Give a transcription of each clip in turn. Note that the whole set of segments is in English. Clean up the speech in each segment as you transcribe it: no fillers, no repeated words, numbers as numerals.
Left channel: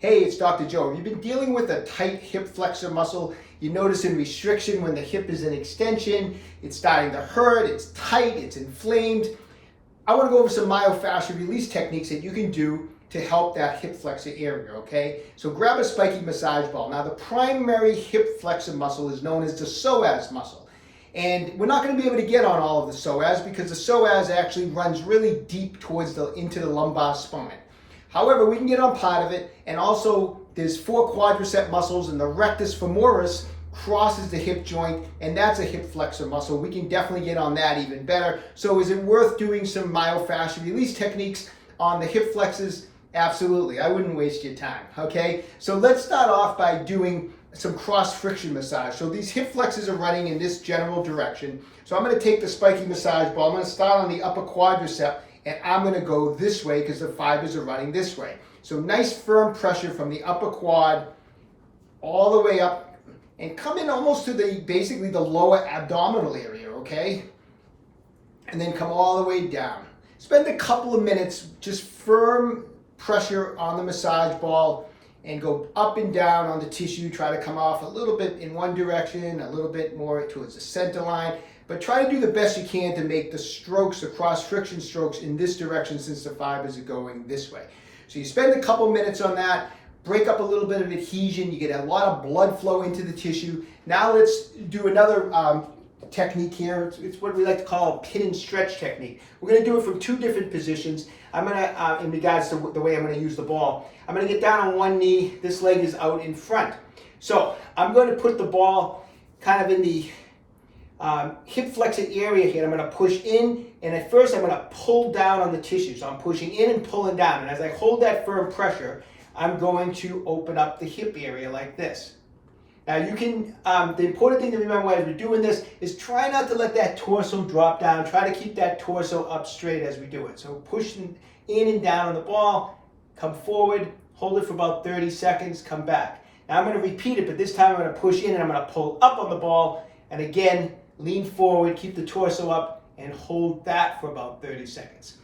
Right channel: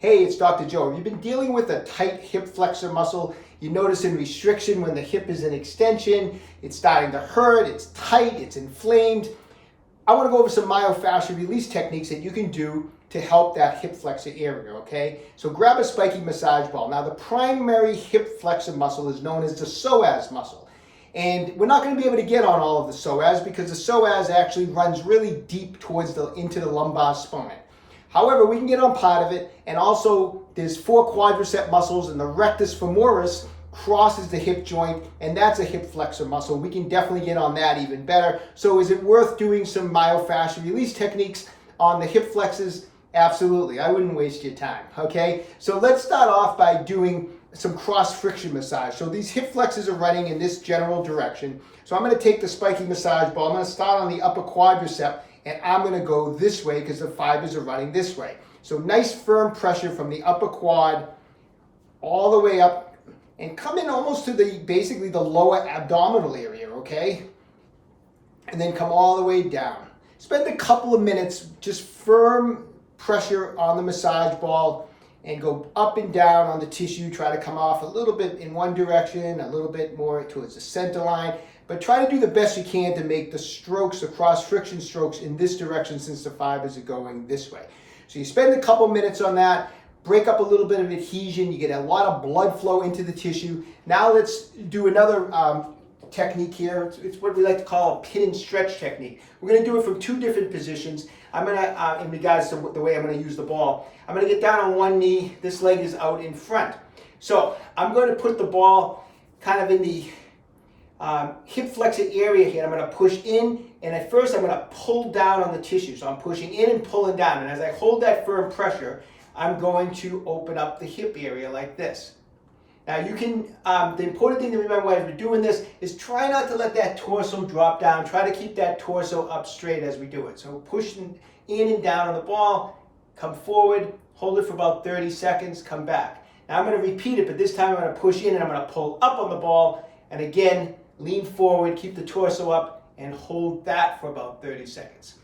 Hey, it's Dr. Joe. Have you been dealing with a tight hip flexor muscle? You're noticing restriction when the hip is in extension. It's starting to hurt. It's tight. It's inflamed. I want to go over some myofascial release techniques that you can do to help that hip flexor area, okay? So grab a spiky massage ball. Now, the primary hip flexor muscle is known as the psoas muscle. And we're not going to be able to get on all of the psoas because the psoas actually runs really deep into the lumbar spine. However, we can get on part of it, and also there's 4 quadricep muscles, and the rectus femoris crosses the hip joint, and that's a hip flexor muscle. We can definitely get on that even better. So is it worth doing some myofascial release techniques on the hip flexors? Absolutely. I wouldn't waste your time, okay? So let's start off by doing some cross friction massage. So these hip flexors are running in this general direction. So I'm going to take the spiky massage ball. I'm going to start on the upper quadricep, and I'm going to go this way because the fibers are running this way. So nice firm pressure from the upper quad all the way up and come in almost to basically the lower abdominal area, okay? And then come all the way down. Spend a couple of minutes just firm pressure on the massage ball and go up and down on the tissue. Try to come off a little bit in one direction, a little bit more towards the center line. But try to do the best you can to make the strokes, the cross-friction strokes in this direction since the fibers are going this way. So you spend a couple minutes on that, break up a little bit of adhesion, you get a lot of blood flow into the tissue. Now let's do another technique here. It's what we like to call a pin and stretch technique. We're going to do it from 2 different positions. I'm going to, in regards to the way I'm going to use the ball, I'm going to get down on one knee. This leg is out in front. So I'm going to put the ball kind of in the hip flexor area here. I'm going to push in, and at first I'm going to pull down on the tissue. So I'm pushing in and pulling down, and as I hold that firm pressure, I'm going to open up the hip area like this. Now you can, the important thing to remember as we're doing this is try not to let that torso drop down. Try to keep that torso up straight as we do it. So pushing in and down on the ball, come forward, hold it for about 30 seconds, come back. Now I'm going to repeat it, but this time I'm going to push in and I'm going to pull up on the ball, and again, lean forward, keep the torso up, and hold that for about 30 seconds.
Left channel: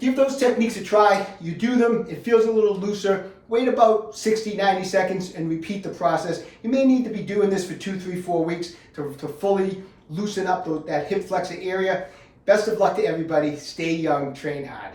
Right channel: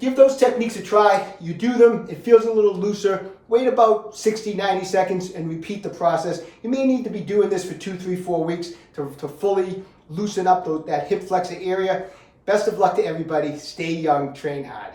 Give those techniques a try. You do them, it feels a little looser. Wait about 60, 90 seconds and repeat the process. You may need to be doing this for 2, 3, 4 weeks to fully loosen up that hip flexor area. Best of luck to everybody. Stay young, train hard.